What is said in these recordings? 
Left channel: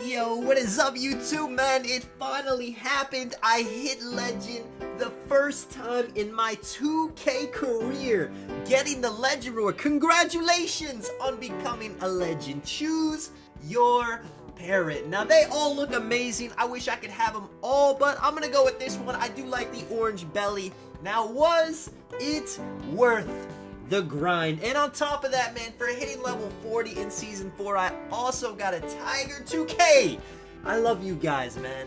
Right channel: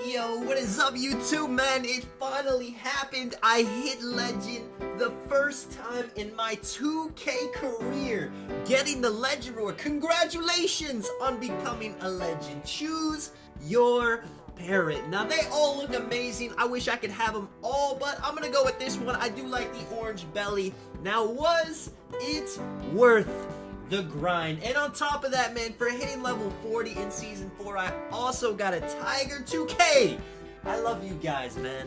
Yo, what is up YouTube, man? It finally happened. I hit legend the first time in my 2K career, getting the legend reward. Congratulations on becoming a legend. Choose your parrot. Now they all look amazing. I wish I could have them all, but I'm gonna go with this one. I do like the orange belly. Now, was it worth the grind? And on top of that, man, for hitting level 40 in season 4, I also got a Tiger 2K. I love you guys, man.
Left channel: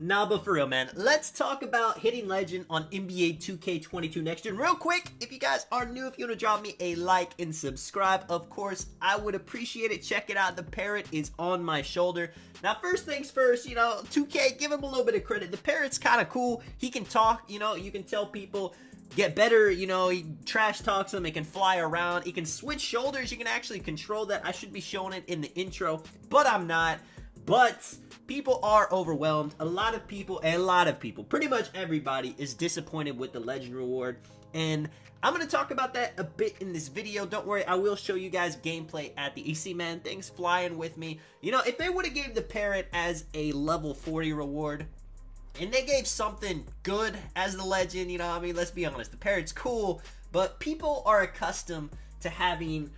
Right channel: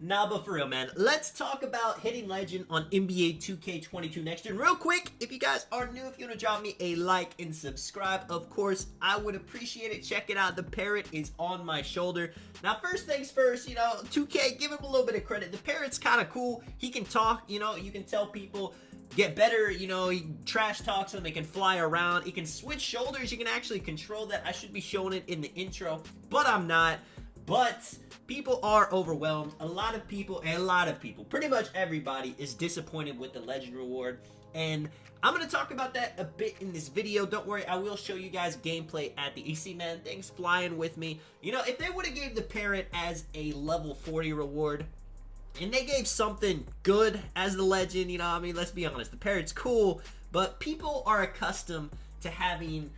Nah, but for real, man, let's talk about hitting legend on NBA 2K22 next year. And real quick, if you guys are new, if you want to drop me a like and subscribe, of course, I would appreciate it. Check it out. The parrot is on my shoulder. Now, first things first, 2K, give him a little bit of credit. The parrot's kind of cool. He can talk, you can tell people get better, he trash talks them, he can fly around, he can switch shoulders, you can actually control that. I should be showing it in the intro, but I'm not. But people are overwhelmed. A lot of people, pretty much everybody is disappointed with the legend reward, and I'm going to talk about that a bit in this video. Don't worry, I will show you guys gameplay at the EC, man. Things flying with me. If they would have gave the parrot as a level 40 reward, and they gave something good as the legend, let's be honest, the parrot's cool, but people are accustomed to having,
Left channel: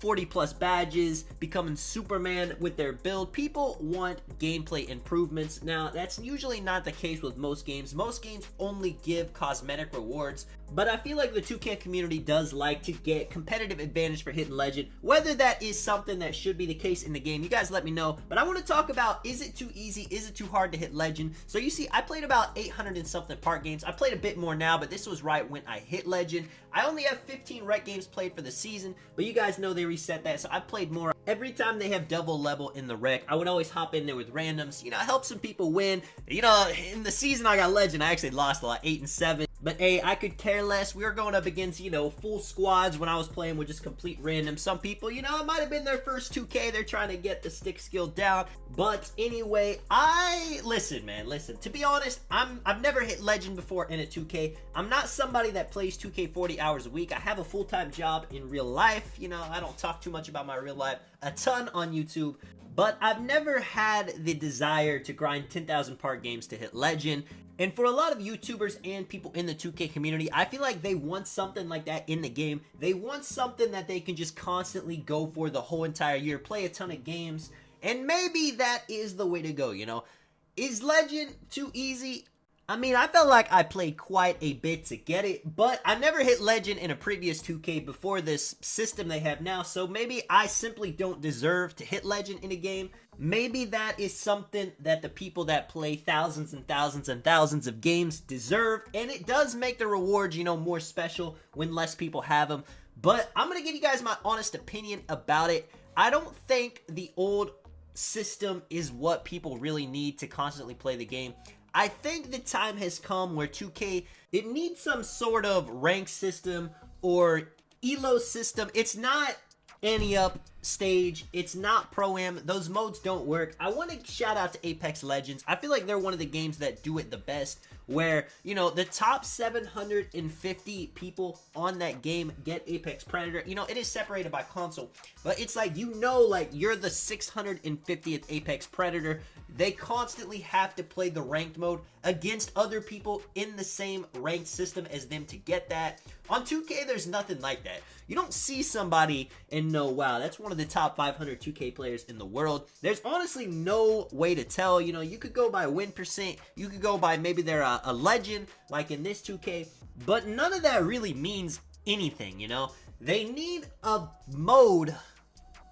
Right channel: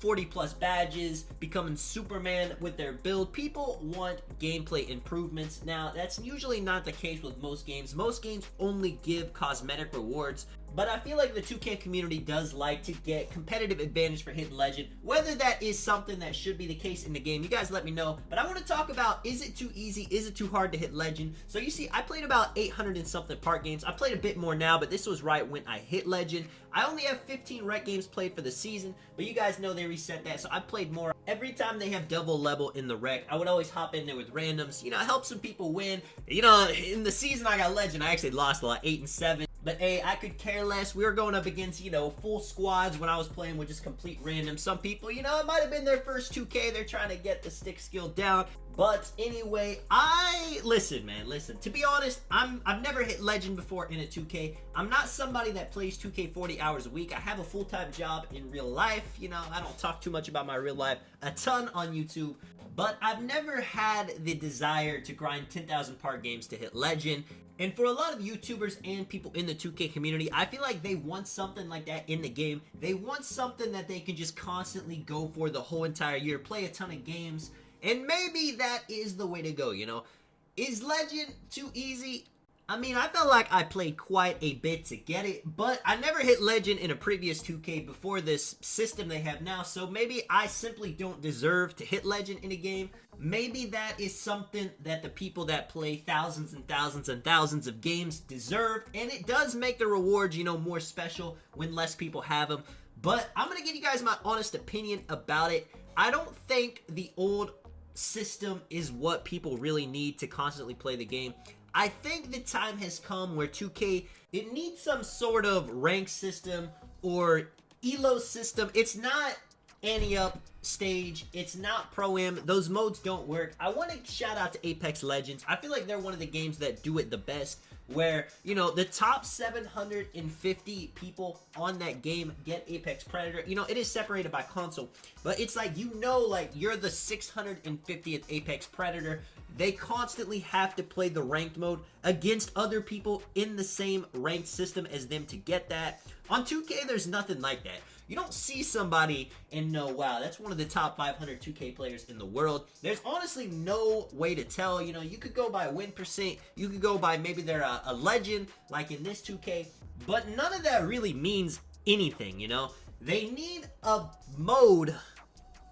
40 plus badges, becoming Superman with their build. People want gameplay improvements. Now, that's usually not the case with most games. Most games only give cosmetic rewards, but I feel like the 2K community does like to get competitive advantage for hitting legend. Whether that is something that should be the case in the game, you guys let me know. But I want to talk about, is it too easy? Is it too hard to hit legend? So you see, I played about 800 and something park games. I played a bit more now, but this was right when I hit legend. I only have 15 rec games played for the season, but you guys know they reset that, so I played more. Every time they have double level in the rec, I would always hop in there with randoms, help some people win. In the season I got legend, I actually lost a lot, 8 and 7. But hey, I could care less. We were going up against, full squads when I was playing with just complete random. Some people, it might have been their first 2K. They're trying to get the stick skill down. But anyway, listen, man, listen. To be honest, I've never hit legend before in a 2K. I'm not somebody that plays 2K 40 hours a week. I have a full-time job in real life. I don't talk too much about my real life a ton on YouTube. But I've never had the desire to grind 10,000 park games to hit legend. And for a lot of YouTubers and people in the 2K community, I feel like they want something like that in the game. They want something that they can just constantly go for the whole entire year, play a ton of games, and maybe that is the way to go, Is legend too easy? I felt like I played quite a bit to get it, but I never hit legend in a previous 2K before this system they have now, so maybe I simply don't deserve to hit legend in a game. Maybe that is something that the people that play thousands and thousands and thousands of games deserve, and it does make the rewards, more special when less people have them. But I'm going to give you guys my honest opinion about it. I don't think the old system is what people really need to constantly play the game. I think the time has come where 2K, it needs some sort of rank system or elo system. It's not Ante-Up stage, it's not Pro-Am, those modes don't work. I want to shout out to Apex Legends. I feel like they're one of the games that do it the best, where, the top 750 people on that game get Apex Predator. It is separated by console, but it's like, you're the 650th Apex Predator. They constantly have to play the ranked mode against other people in the same ranked system as them to get that. On 2K, there's nothing like that. You don't see somebody and know, wow, that's one of the top 500 2K players in the world. There's honestly no way to tell. You could go by win percent. You could go by maybe they're a legend, like in this 2K. But none of that really means anything, They need a mode,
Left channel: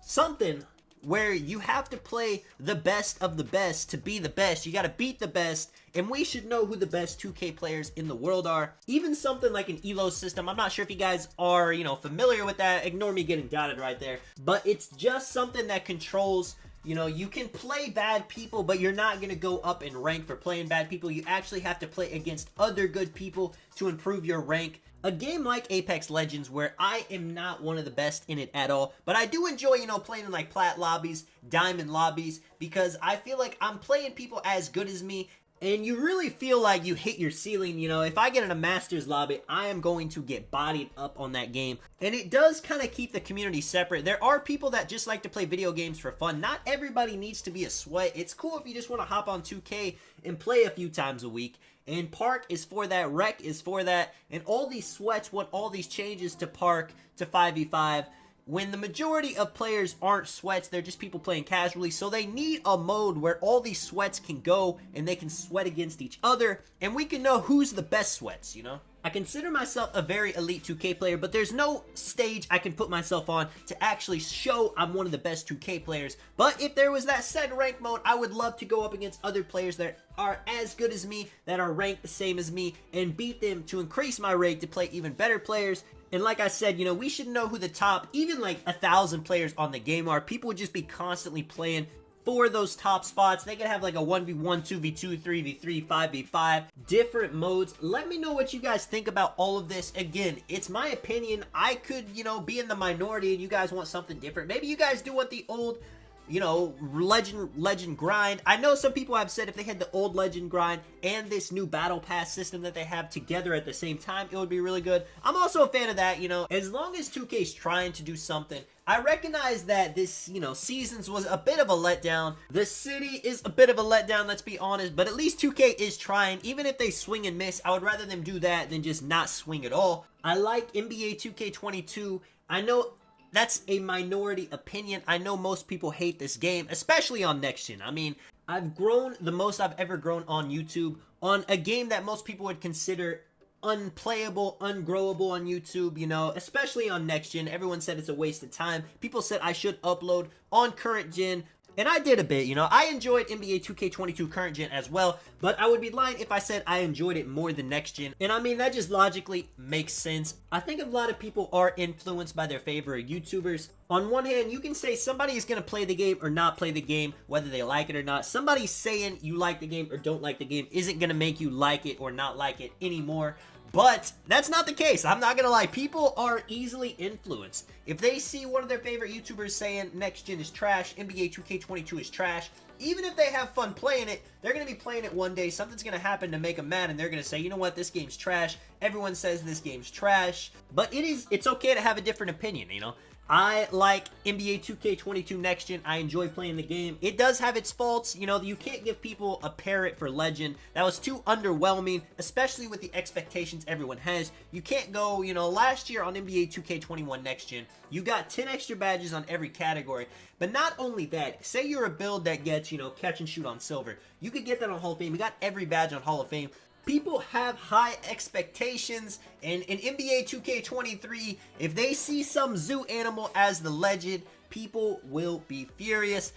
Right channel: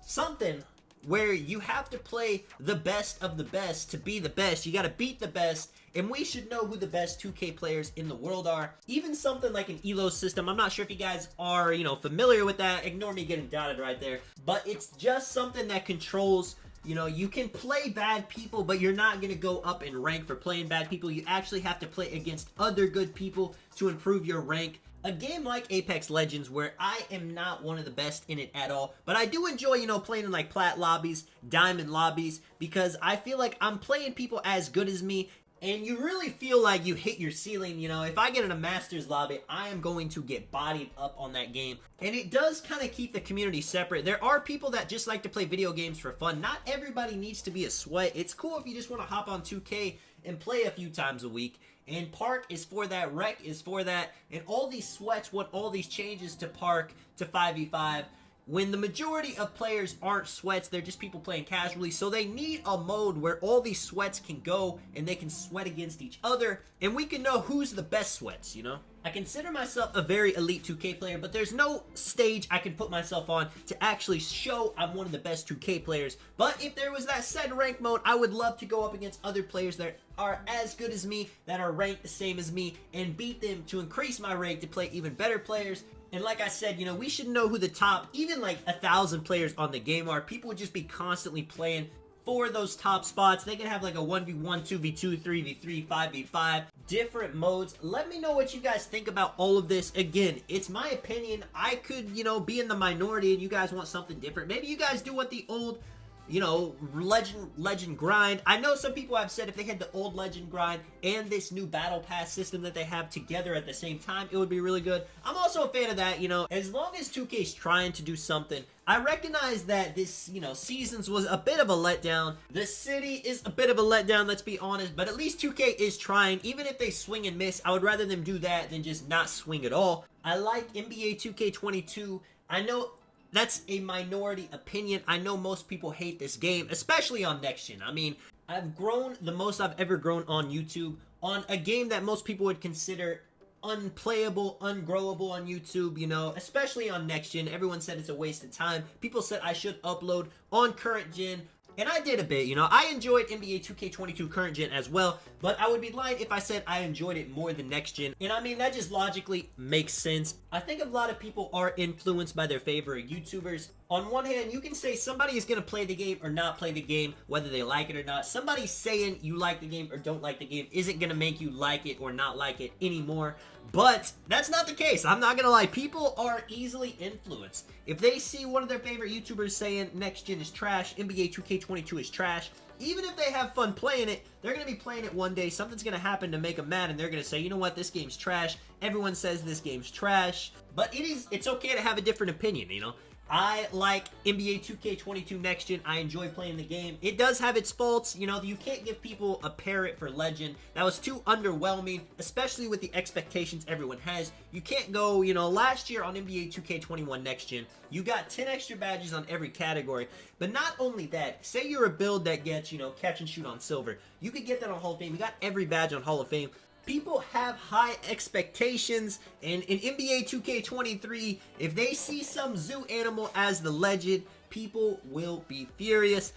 something where you have to play the best of the best to be the best. You got to beat the best, and we should know who the best 2K players in the world are. Even something like an elo system, I'm not sure if you guys are, familiar with that. Ignore me getting dotted right there. But it's just something that controls, you can play bad people, but you're not going to go up in rank for playing bad people. You actually have to play against other good people to improve your rank. A game like Apex Legends, where I am not one of the best in it at all, but I do enjoy, playing in like plat lobbies, diamond lobbies, because I feel like I'm playing people as good as me, and you really feel like you hit your ceiling. You know, if I get in a Masters lobby, I am going to get bodied up on that game. And it does kind of keep the community separate. There are people that just like to play video games for fun. Not everybody needs to be a sweat. It's cool if you just want to hop on 2K and play a few times a week. And Park is for that, Rec is for that, and all these sweats want all these changes to Park, to 5v5, when the majority of players aren't sweats, they're just people playing casually, so they need a mode where all these sweats can go and they can sweat against each other, and we can know who's the best sweats, you know? I consider myself a very elite 2K player, but there's no stage I can put myself on to actually show I'm one of the best 2K players. But if there was that said rank mode, I would love to go up against other players that are as good as me, that are ranked the same as me, and beat them to increase my rank to play even better players. And like I said, you know, we should know who the top, even like 1,000 players on the game are. People would just be constantly playing for those top spots. They could have like a 1v1, 2v2, 3v3, 5v5, different modes. Let me know what you guys think about all of this. Again, it's my opinion. I could, you know, be in the minority and you guys want something different. Maybe you guys do want the old, you know, legend grind. I know some people have said if they had the old legend grind and this new battle pass system that they have together at the same time, it would be really good. I'm also a fan of that, you know, as long as 2K's trying to do something. I recognize that this, you know, Seasons was a bit of a letdown. The city is a bit of a letdown, let's be honest, but at least 2K is trying. Even if they swing and miss, I would rather them do that than just not swing at all. I like NBA 2K22. I know that's a minority opinion. I know most people hate this game, especially on Next Gen. I mean, I've grown the most I've ever grown on YouTube on a game that most people would consider unplayable, ungrowable on YouTube, you know, especially on Next Gen. Everyone said it's a waste of time. People said I should upload on current gen. And I did a bit, you know. I enjoyed NBA 2K22 current gen as well, but I would be lying if I said I enjoyed it more than next gen. And I mean, that just logically makes sense. I think a lot of people are influenced by their favorite YouTubers. On one hand, you can say somebody is going to play the game or not play the game, whether they like it or not. Somebody saying you like the game or don't like the game isn't going to make you like it or not like it anymore. But that's not the case. I'm not gonna lie. People are easily influenced. If they see one of their favorite YouTubers saying Next Gen is trash, NBA 2K22 is trash, even if they have fun playing it, they're gonna be playing it one day. Something's gonna happen to make them mad, and they're gonna say, you know what, this game's trash. Everyone says this game's trash. But it's okay to have a different opinion, you know? I like NBA 2K22 Next Gen. I enjoy playing the game. It does have its faults. You know, you can't give people a parrot for Legend. That was too underwhelming, especially with the expectations everyone has. You can't go, you know, last year on NBA 2K21 Next Gen, you got 10 extra badges on every category. But not only that, say you're a build that gets, you know, catch and shoot on silver. You could get that on Hall of Fame. You got every badge on Hall of Fame. People have high expectations, and in NBA 2K23, if they see some zoo animal as the legend, people will be furious.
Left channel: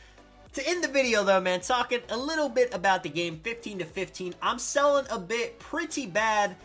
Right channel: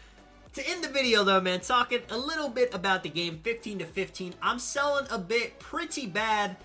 To end the video though, man, talking a little bit about the game, 15 to 15, I'm selling a bit pretty bad.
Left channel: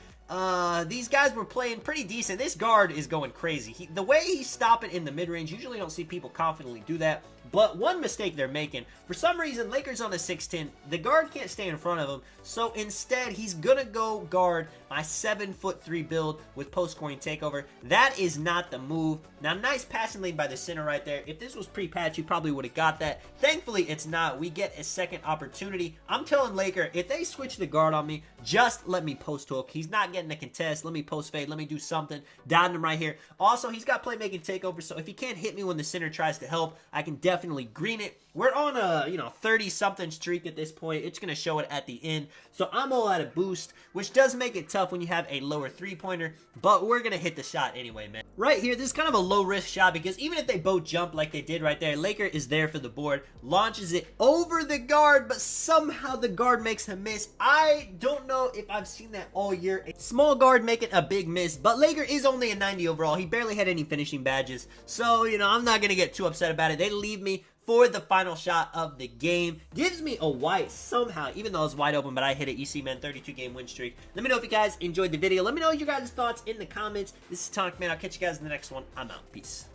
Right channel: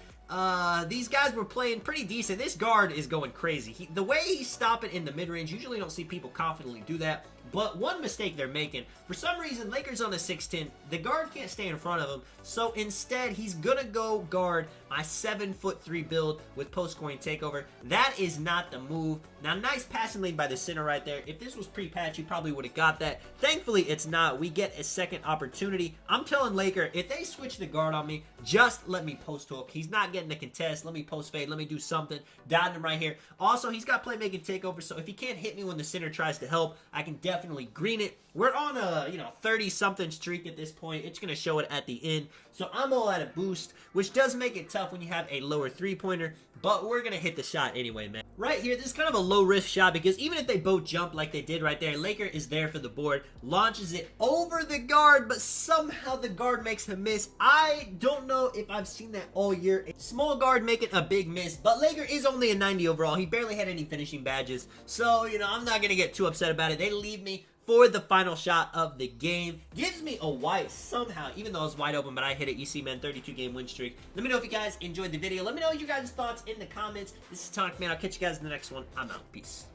These guys were playing pretty decent. This guard is going crazy. The way he's stopping in the mid-range, usually don't see people confidently do that. But one mistake they're making, for some reason, Lakers on a 6'10", the guard can't stay in front of him. So instead, he's gonna go guard my 7'3" build with post-scoring takeover. That is not the move. Now, nice passing lane by the center right there. If this was pre-patch, you probably would have got that. Thankfully, it's not. We get a second opportunity. I'm telling Laker, if they switch the guard on me, just let me post-hook. He's not getting a contest. Let me post-fade. Let me do something. Down him right here. Also, he's got playmaking takeover, so if he can't hit me when the center tries to help, I can definitely green it. We're on a, 30-something streak at this point. It's going to show it at the end. So I'm all out of boost, which does make it tough when you have a lower three-pointer, but we're going to hit the shot anyway, man. Right here, this is kind of a low-risk shot because even if they both jump like they did right there, Laker is there for the board, launches it over the guard, but somehow the guard makes him miss. I don't know if I've seen that all year. A small guard making a big miss, but Laker is only a 90 overall. He barely had any finishing badges, so, I'm not going to get too upset about it. They leave me for the final shot of the game. Gives me a white somehow, even though it was wide open, but I hit it. You see, man, 32-game win streak. Let me know if you guys enjoyed the video. Let me know your guys' thoughts in the comments. This is Tonic Man. I'll catch you guys in the next one. I'm out. Peace.